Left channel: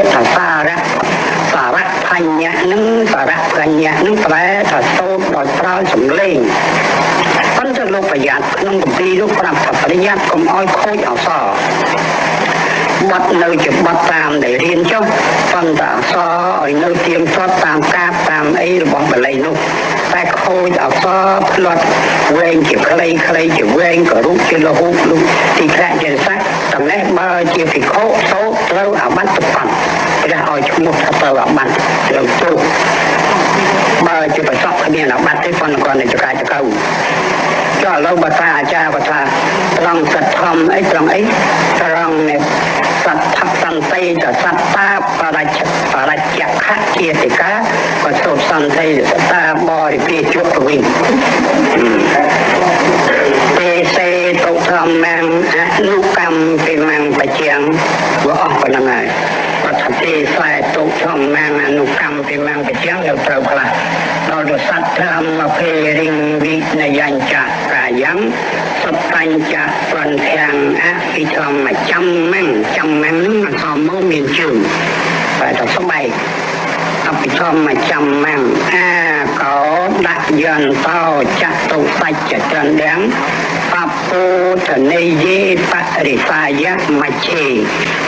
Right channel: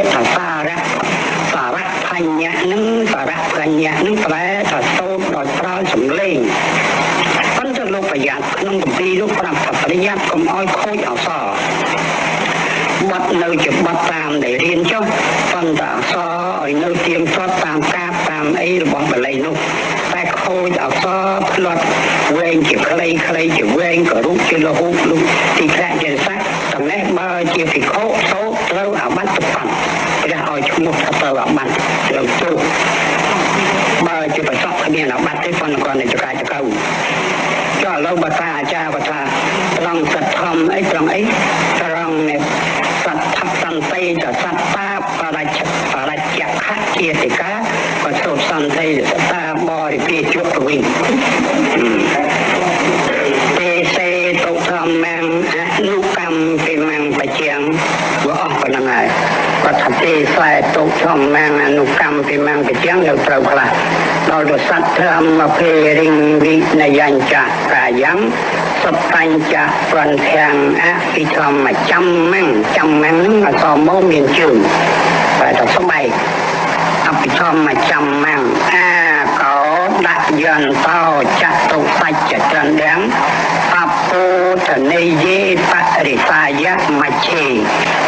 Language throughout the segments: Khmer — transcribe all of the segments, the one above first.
ពាក្យថាសារៈផញ្ញៈនឹងសារៈផញ្ញៈនឹងប្រែថាសូត្រដោយប្រើសម្លេងប៉ុន្តែលោកប្រយ័ត្នក្នុងគម្ពីរលោកប្រាប់ថាប្រយ័ត្នកុំឲ្យខូចអក្សរបត់នៅជាបត់តាមដែលរៀនចុះប៉ុន្តែអក្សរឲ្យនៅទៀងទាត់តាមកាបតាមអីរបស់បាលីនោះតែខូចអក្សរផ្លត់វែងជាខ្លីជាវែងក៏រូបជាលហូបលុបទីខ្លះជាសាច់ចំណេះបើជាភិក្ខុសូត្រត្រូវអាបត្តិប្រកបព្រះឲ្យឈ្មោះថាត្រូវអាបត្តិត្រូវទូបើជាប្រសពគ្មានអាបត្តិទេប៉ុន្តែគាត់នៅចកាចកៅចុះឥឡូវបើថាអាចារ្យគាត់ថាត្រង់សទ្ធំអីត្រង់ត្រង់សទ្ធសន្តិតសត្តាបរិច្ឆខជាតិកាក៏សូត្រសន្តិសត្តាបរិពាជក់ទៅវិញទេសេតុធម្មងអនុកម្មពីមង្បជាងវាអស់ប៉ុណ្្នឹងហើយគាត់ថាទេខ្លែតុធម្មងអនុកម្មពីមង្បជាងទៅត្រូវខ្លះដល់ទៅសត្វធម្មភេរិងវិនយញ្ចកាយំសបញ្ចប្រន្ធាំងអភិធម្មចាំម៉ាំងហ្នឹងអសមកមានជើងហើយដល់ស្បែកអភិធម្មចាំម៉ាំងអាកោដាក់យន្តោចតុសច្ចចន្ទំបពុទ្ធនិយេបរិសាយៈមច្ឆេ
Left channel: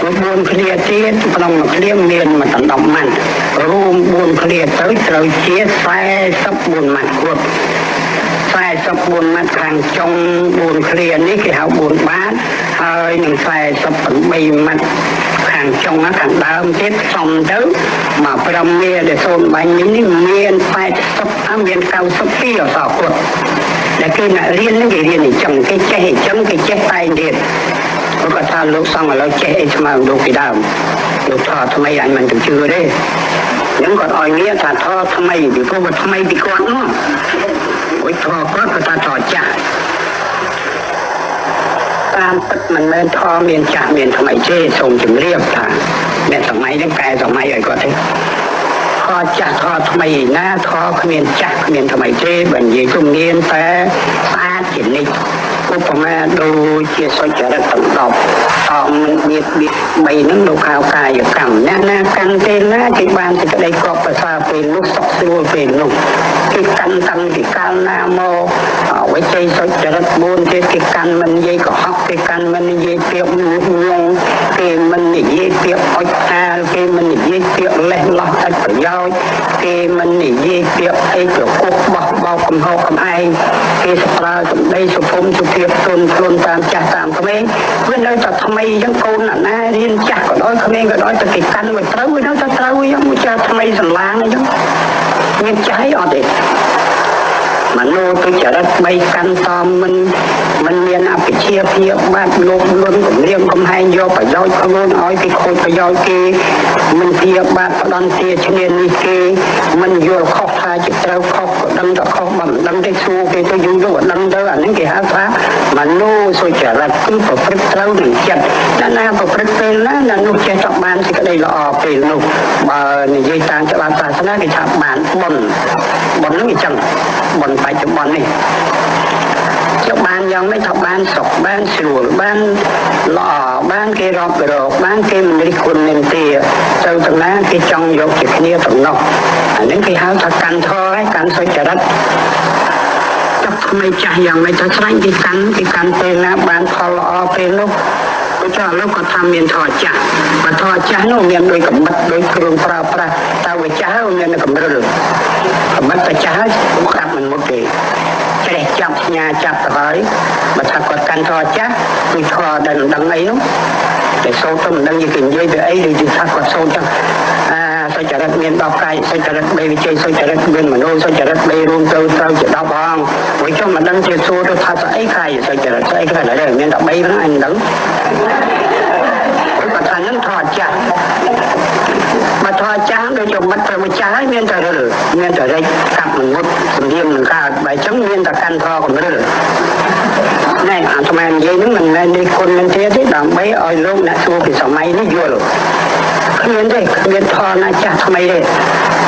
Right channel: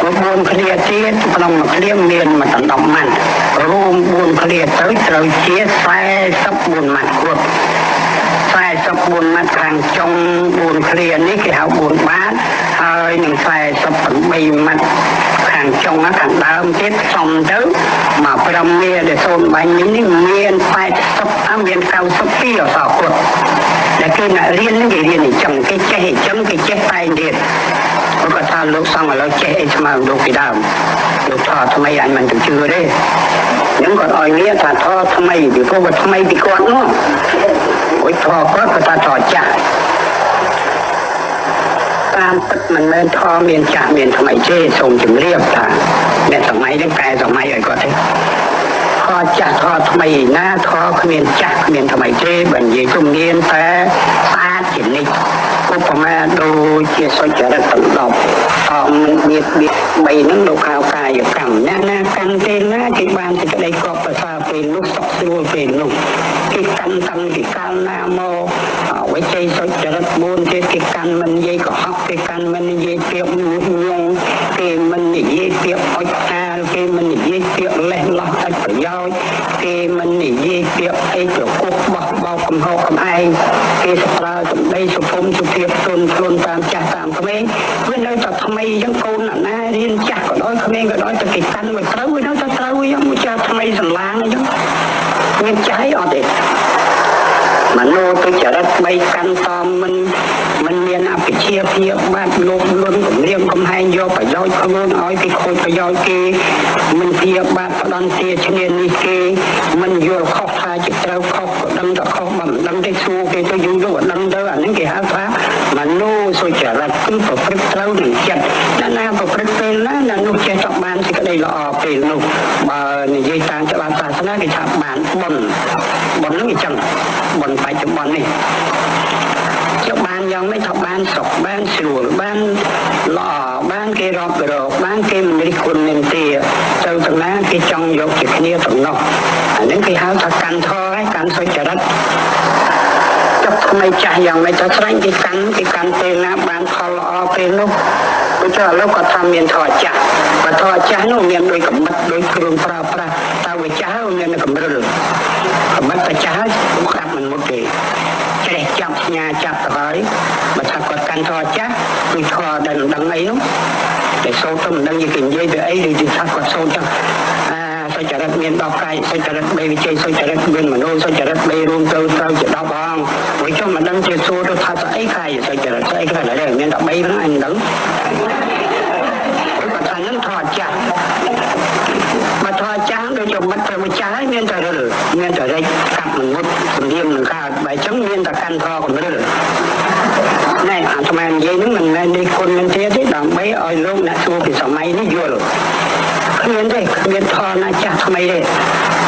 4ឃ្លាទៀតក្នុងមួយឃ្លាមានមួយដណ្ដប់ម៉ាត់រួម4ឃ្លាទៅត្រូវជា44ម៉ាត់គ្រប់44ម៉ាត់ខាងចុង4ឃ្លានេះគេហៅ4បាតហើយនឹង48ម៉ាត់ខាងចុងខាងដើមទៀតសំទៅមក5មាដែលសូនបាញ់នេះមាន80មាន92អសគាត់តែគឺអ្នករៀននេះគេរៀនអញ្ចឹងគេចេះអញ្ចឹងគេចេះតែទៀតគាត់ថាលោកសង្ឃឥឡូវចេះអីស្មើលោកពីដើមលោកថាថ្មីអញមិនទៅជឿទេអញ្ចឹងគាត់ឲ្យមានថាថតថ្មីពីព្រោះគាត់ថ្មីពីគាត់នោះអុយថតគាត់ថាថតចាស់តាមពិតមិនមែនថតមានចាស់មានថ្មីទេសូមជម្រាបថាមានសម័យនេះកែសម័យឲ្យគាត់ទេថតចាស់ថតថ្មីណាថតគ្មានចាស់គ្មានថ្មីទេបើនិយាយជំនាញតែស្អាតជានិច្ចឧបមាដូចជាសុចរិតសំណប់អមមាន3ហ្នឹងលោកហៅកាយកម្មណាកាន់ពេលណាគេបានសេចក្តីគប់ប្រសាពេលនោះសុខស្រួលពេលនោះគេកាន់តាំងពីកាលណាមកវិជ័យសុចរិត4ទៀតគេកាន់មិននិយាយកុហកគេកាន់មិននិយាយពាក្យញុះញង់គេមិននិយាយពាក្យអុចអាលគេមិននិយាយពាក្យលេះលោះឥតប្រយោជន៍គេមិននិយាយពាក្យអីប្រកុកបោះបោកកំហុសកំឯងគេប្រើសម្ដីសុភមសុភាពទុនខ្លួនតាមចាស់តាមក្មេងវានៅតែថ្មីអញ្ចឹងកូនណារៀនចាស់ក៏ដោយក្មេងក៏ដោយតែគេកាន់មិនត្រូវវានៅតែត្រូវអញ្ចឹងមួយចាស់ថ្មីសម្លាងអញ្ចឹងមានចាស់អីអត់ទេមនោទុច្ចរិត3កាន់តមិនមានអភិជាភាពបាត់លោកលន់គម្រាមកំហែងយកប្រយោជន៍ខ្លួនឲ្យគេខូចប្រយោជន៍គេមិនជាបាត់ផ្ដន់ទាឈ្នានីគេមិនយល់ខុសថាជាត្រូវខុសក៏ដឹងតែខុសមិនដឹងទេសួរគេទៅយូរទៅអត់ដឹងទៅអានេះគេហៅថាមនោសុចរិតគឺប្រព្រឹត្តត្រូវនឹងចិត្តណាប្រព្រឹត្តពេលណានោះចេះតែបានសេចក្តីល្អពេលនោះបើនិយាយតាមច្បាប់សាសនាគេថាបានបុណ្យនោះអញ្ចឹងបុណ្យបច្ចុប្បន្ននេះចុះបានយ៉ាងម៉េចថាបានសុខបានស្រួលបានល្អបានគេរាប់រកបានគេមិនរិះគន់នឹងទេទៅទាំងណាគេចង់យកជាគ្នាទាំងនោះអានេះគេហៅថាកាន់ធរហើយកាន់សុចរិតចុះថ្មីចាស់យ៉ាងម៉េចថាស្រាញ់គេកាន់ពេលណាបានផលល្អពេលនោះចុះឥឡូវគាត់ថាមានធរចាស់បើធរចាស់នោះមានដូចកំបិតដូចគ្រឿងប្រើប្រាស់តើវាចាស់ហើយមានកម្រិលកំបិតតែចាស់ហើយស្ដាប់មិនមុតទេចេះចាប់ផ្ញើចាប់ទៅហើយបើថាគាត់កាន់ធរចាស់គឺធរដែលមិនដឹងអីនោះតែសូត្រទៅមិនដឹងគេនិយាយទៅអីឬថាគាត់សូត្រចឹងសុចរិតមាន10កាយសុចរិត3វិជ័យសុចរិតមានមនោសុចរិត3រួមទៅត្រូវជា10ផងវិញចុះមិនដឹងជាសួរទៅថាស្អីកាយសុចរិតស្អីកាយដែរមាន13ហ្នឹងអញដឹងគាត់ថាហ្នឹងធរចាស់បើធរចាស់ដូចជាមិត្តប្រចាស់ហើយមានតែរិលមានតែរិចកាប់មុតសម្លៀងនឹងកើតបើចឹងមានតែកាន់ធរកំរិលណែអាត្មានិយាយហ្នឹងមិនមែននេះគុណនឹងទៀតទេដើម្បីឲ្យលោកអ្នកសួរពីសម័យនេះយល់គ្មានទេគ្មានធរណាចាស់ថ្មីទេ